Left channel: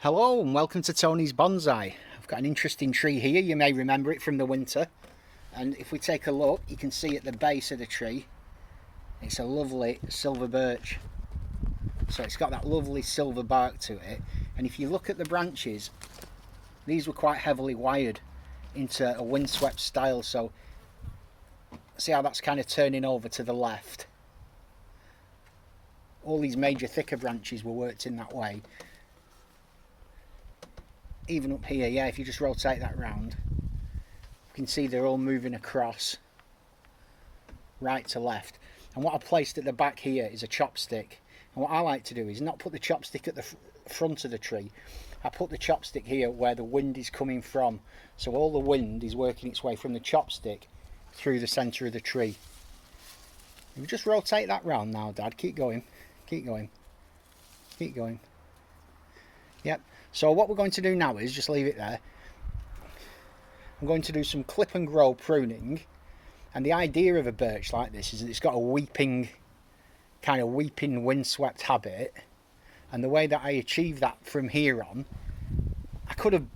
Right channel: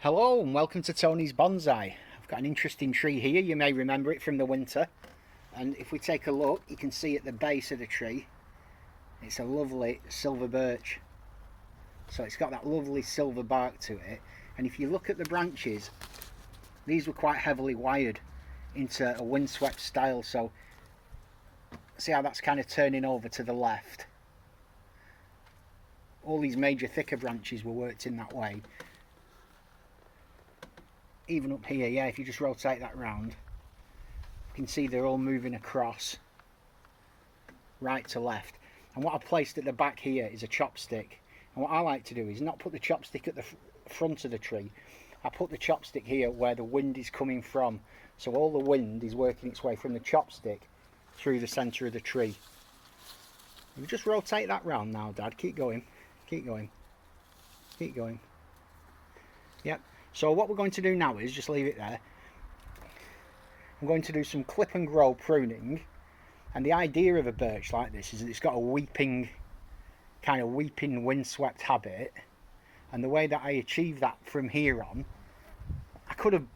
Hello and welcome to Tony's Bonsai. I've got an interesting tree here, you may remember it from the winter, and if we take a look you can see at the base of the tree it's a lovely silver birch. So it's got that lovely silver bark to it, and if you look at the branches, these were quite heavily wired into a windswept style, so see how that's kind of turning over to the left. All these major thicker branches were worked in that way. Even up here, yeah, if you just rotate that round, you can see they're all moving across right to left. And what I've placed at the back here is a chopstick. And what I like to do is not put the chopstick at the front of the tree. I put the chopstick here where the wind is coming from. So all the wind is working its way from the chopstick through the centre of the tree. You just rotate that round now, Dad. Keep going. Keep going. Keep going. Yep. So what we're going to do now is just leave it there. I'm going to do some clip and grow pruning, and the idea of a birch like this is that it's got a kind of weeping windswept habit, and the way that I achieve that from here on, I could have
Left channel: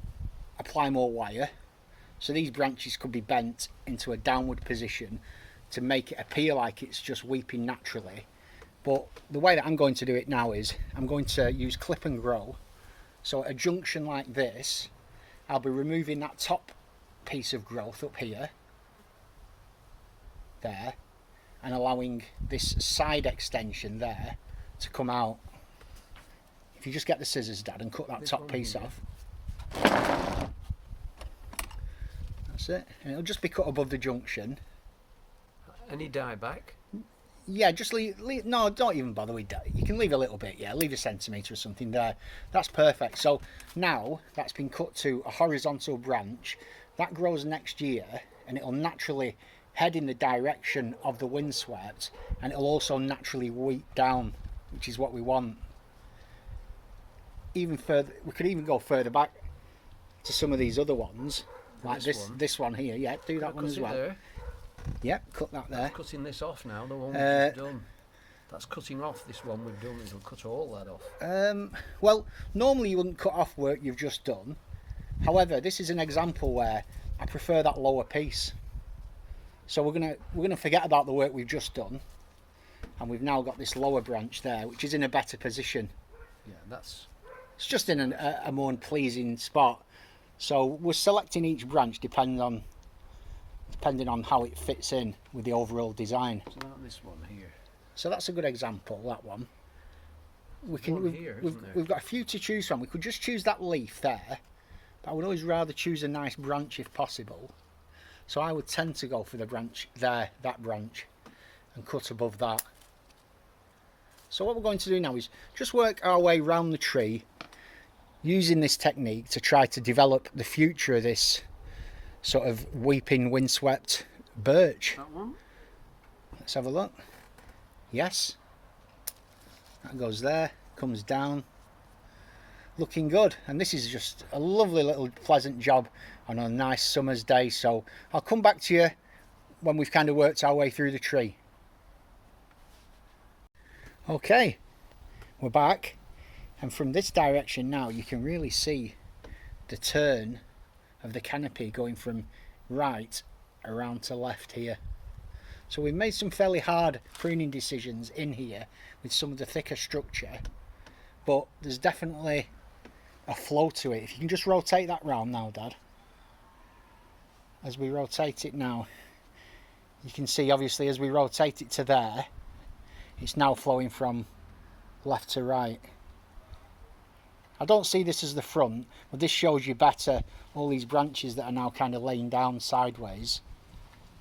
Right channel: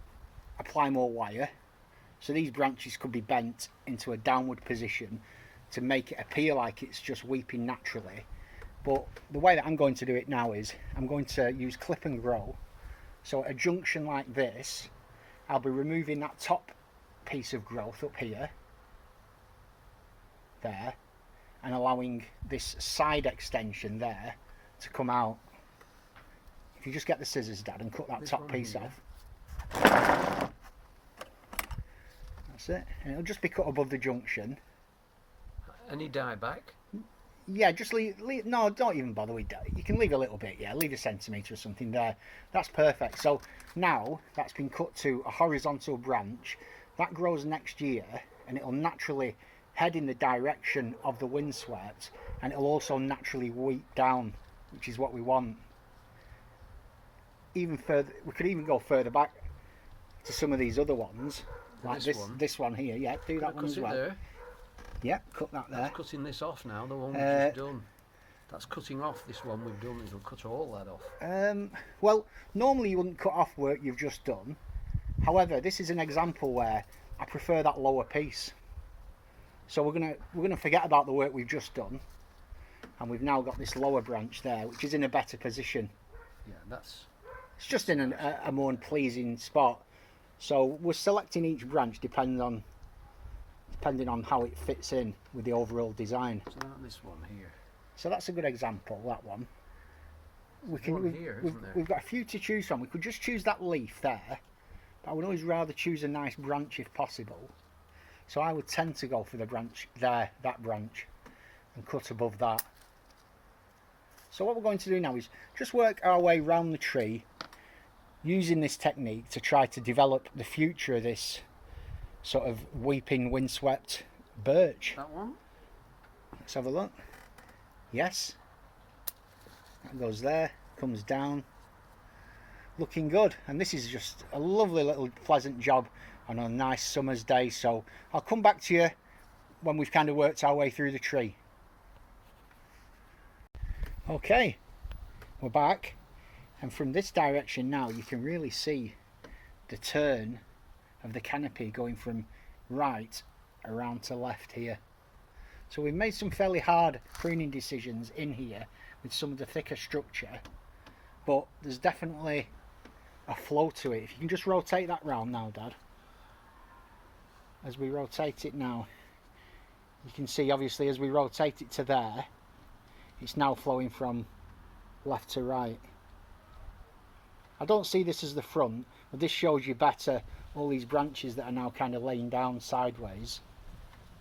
applied more wire, so these branches could be bent into a downward position to make it appear like it's just weeping naturally. But the way that I'm going to do it now is I'm going to use clip and grow. So at a junction like this, I'll be removing that top piece of growth up here, there, and allowing this side extension there to come out. If you just get the scissors, Dad, and cut that top piece off. That's it. And it'll just be cut above the junction. Any dye back? Yeah, just leave, no, don't even bother with that. You can leave a little bit, yeah, leave a centimetre or something there. That's perfect. So now that's been cut to a horizontal branch, that grows next year, and it'll naturally head in the direction of the windswept, and it'll also naturally weep down, which is what we want. Even further, we could even go further back to some of these other ones, like this one here. Yeah, do that one as well. There. Yeah, cut that there. That's cutting this off now, the one we've just done. That's cutting off this one we've done, it'll cut all that off. Well, normally you wouldn't cut off work you've just done. However, this is an example where I prefer that lower piece. So we're gonna forget about the work we've just done, and we've now got this lower branch there, which is in a better position. Yeah, it's just in a more pleasing spot. So we're selecting each branch depending on how it fits in with the overall design. So not this one here. So that's a good example, that one. We've got a few to choose from. We could just choose that leaf there, but I would always rather choose a nice branch if possible. So I would tend to go for the branch there, that branch, and cut above that. So what we're going to do now is just work our way round the tree using this technique to try to develop the future of this sort of weeping windswept birch. That one? Let's have a look. Yes. That goes there, comes down. Looking good. And this is just a lovely little pleasant job on a nice summer's day. So I'll come back to you when we've kind of worked our way through the tree. Okay, we're back. And from this direction now you can really see the turn of the canopy going from right around to left here. So we've made some fairly hard pruning decisions in here with some of the thicker structure, but there's definitely a flow to it. If you can just rotate that round now, Dad. As we rotate it now, you can see obviously as we rotate it to there, it's now flowing from left to right. I don't see this as the front, but this shows you better all these branches that are now kind of laying down sideways,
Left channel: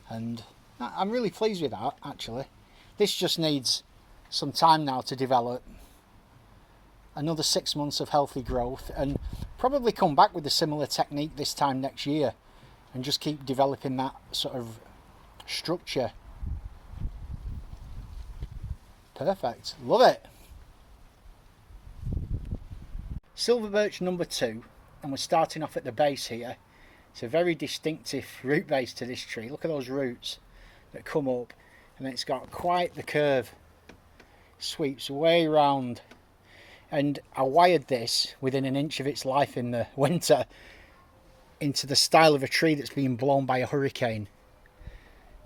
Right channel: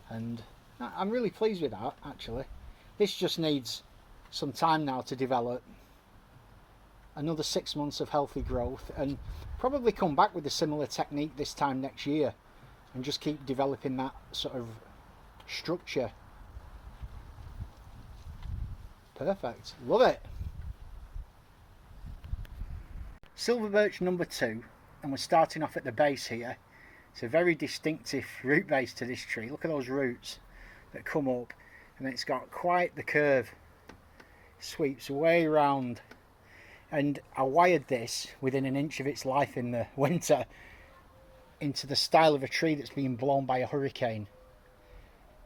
and I'm really pleased with that actually. This just needs some time now to develop, another 6 months of healthy growth, and probably come back with a similar technique this time next year and just keep developing that sort of structure. Perfect, love it. Silver birch number 2, and we're starting off at the base here. It's a very distinctive root base to this tree. Look at those roots that come up, and it's got quite the curve. Sweeps way round, and I wired this within an inch of its life in the winter into the style of a tree that's been blown by a hurricane.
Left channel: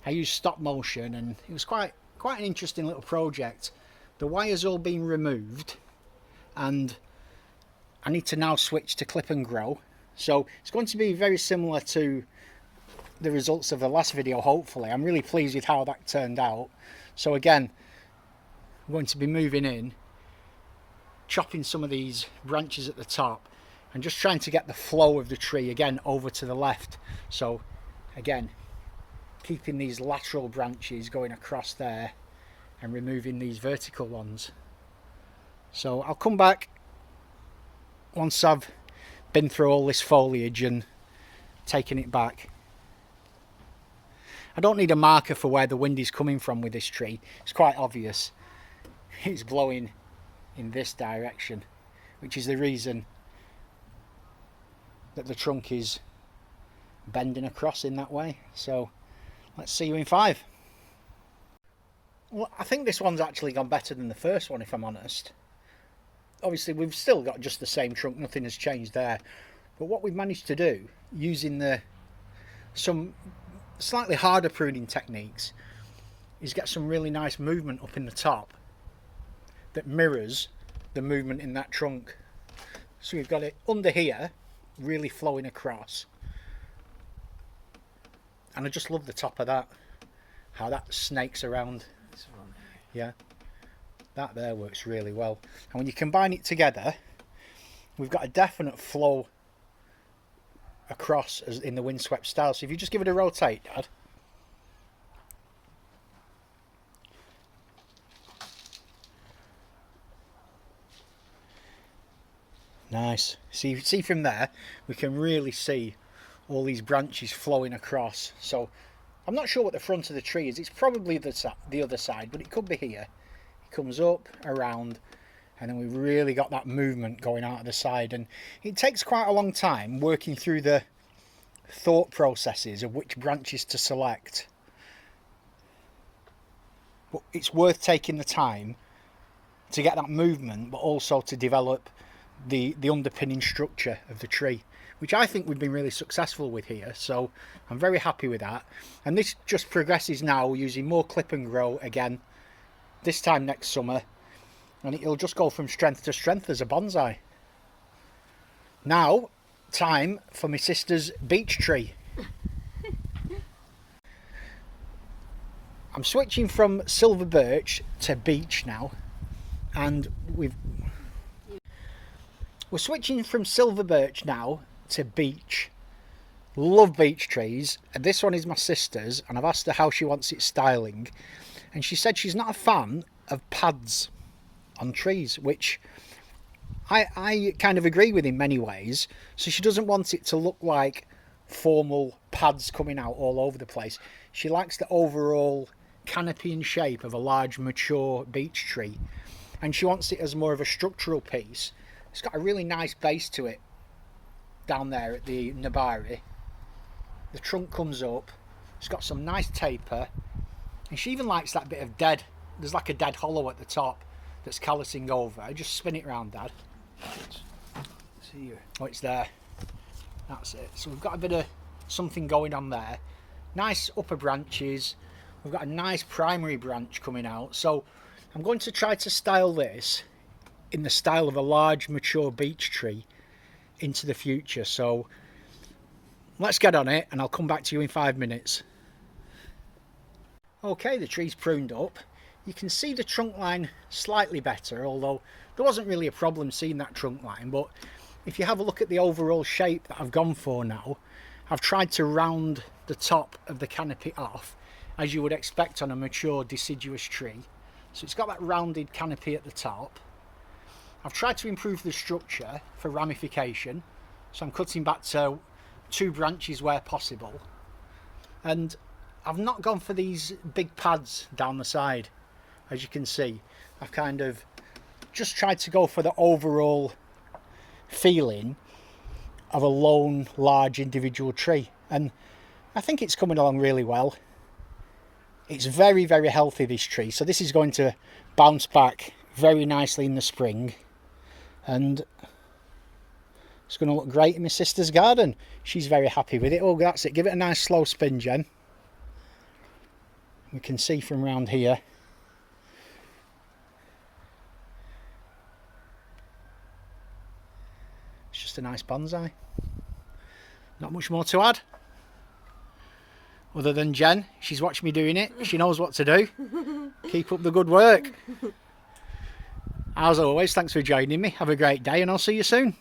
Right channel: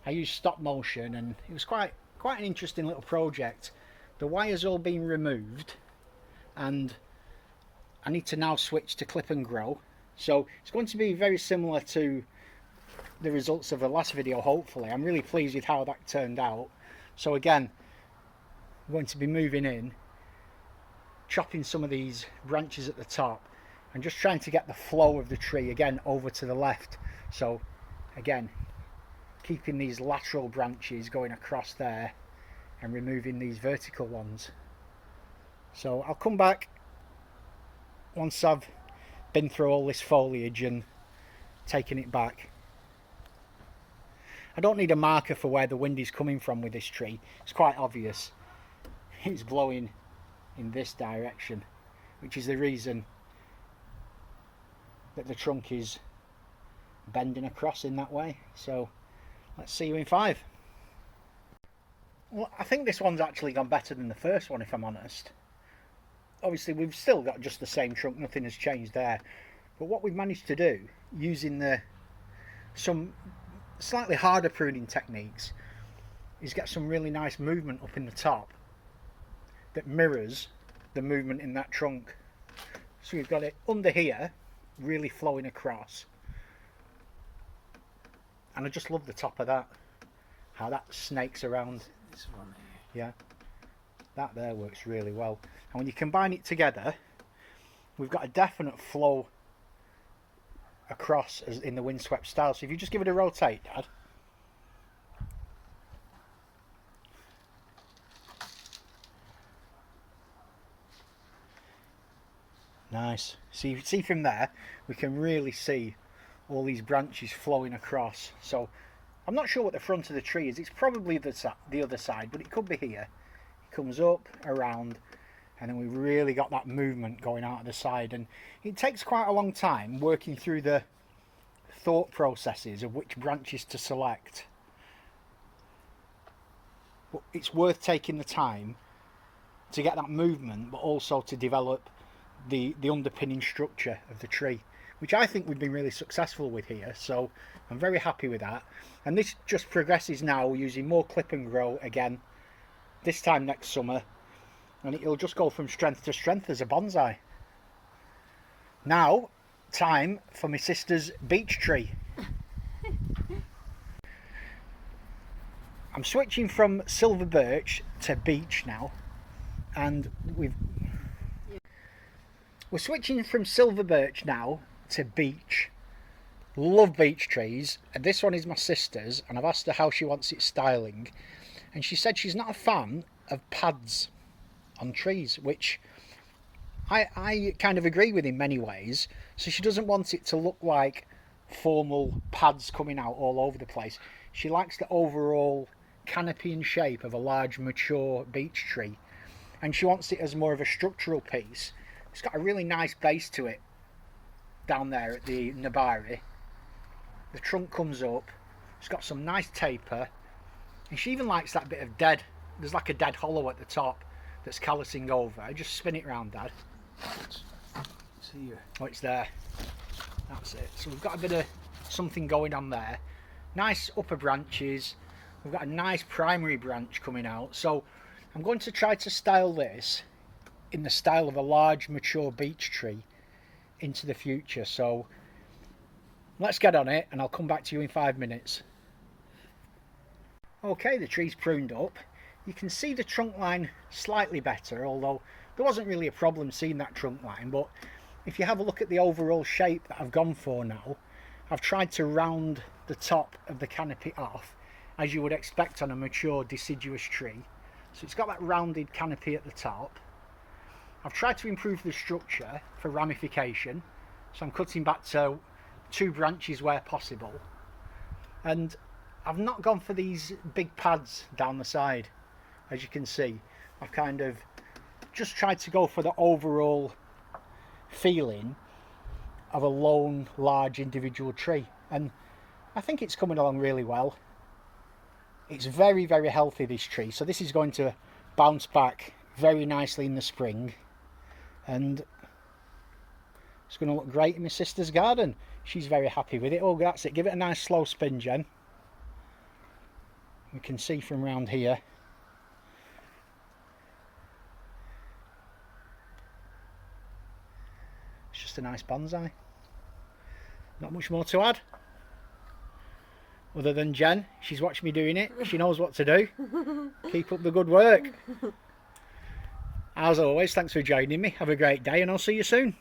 I used stop motion, and it was quite an interesting little project. The wire's all been removed, and I need to now switch to clip and grow. So it's going to be very similar to the results of the last video, hopefully. I'm really pleased with how that turned out. So again, I'm going to be moving in, chopping some of these branches at the top, and just trying to get the flow of the tree again over to the left. So again, keeping these lateral branches going across there and removing these vertical ones. So I'll come back once I've been through all this foliage and taken it back. I don't need a marker for where the wind is coming from with this tree. It's quite obvious. It's blowing in this direction, which is the reason that the trunk is bending across in that way. So let's see you in 5. Well, I think this one's actually gone better than the first one, if I'm honest. Obviously we've still got just the same trunk, nothing has changed there, but what we've managed to do using some slightly harder pruning techniques is get some really nice movement up in the top that mirrors the movement in that trunk. So we've got it under here really flowing across, and I just love the top of that, how that snakes around. Yeah, that there works really well, and when you combine it together we've got a definite flow across as in the windswept style. So if you just give it a rotate, Dad. Nice. See from there we can really see all these branches flowing across. So I'm not sure what the front of the tree is. It's probably the other side, but it could be here. It comes up, around, and then we've really got that movement going out of the side. And it takes quite a long time working through the thought processes of which branches to select. But it's worth taking the time to get that movement, but also to develop the underpinning structure of the tree, which I think we've been really successful with here. So I'm very happy with that. And this just progresses now using more clip and grow again, this time next summer, and it'll just go from strength to strength as a bonsai. Now, time for my sister's beech tree. I'm switching from silver birch to beech now, and we're switching from silver birch now to beech. Love beech trees, and this one is my sister's, and I've asked her how she wants it styling, and she said she's not a fan of pads on trees, which I kind of agree with in many ways. So she doesn't want it to look like formal pads coming out all over the place. She likes the overall canopy and shape of a large mature beech tree, and she wants it as more of a structural piece. It's got a really nice base to it down there at the nabari. The trunk comes up, it's got some nice taper, and she even likes that bit of there's like a dead hollow at the top that's callousing over. Just spin it round, Dad. See you. Oh, it's there. That's it. So we've got a bit of something going on there. Nice upper branches. We've got a nice primary branch coming out. So I'm going to try to style this in the style of a large mature beech tree into the future. So let's get on it, and I'll come back to you in 5 minutes. Okay, the tree's pruned up. You can see the trunk line slightly better, although there wasn't really a problem seeing that trunk line. But if you have a look at the overall shape that I've gone for now, I've tried to round the top of the canopy off, as you would expect on a mature deciduous tree. So it's got that rounded canopy at the top. I've tried to improve the structure for ramification, so I'm cutting back to 2 branches where possible, and I've not gone for these big pads down the side. As you can see, I've kind of just tried to go for the overall feeling of a lone large individual tree, and I think it's coming along really well. It's very, very healthy, this tree, so this is going to bounce back very nicely in the spring. and it's going to look great in my sister's garden. She's very happy with it. Oh, that's it. Give it a nice slow spin, Jen. We can see from round here. It's just a nice bonsai. Not much more to add. Other than Jen, she's watched me doing it. She knows what to do. Keep up the good work. As always, thanks for joining me. Have a great day and I'll see you soon.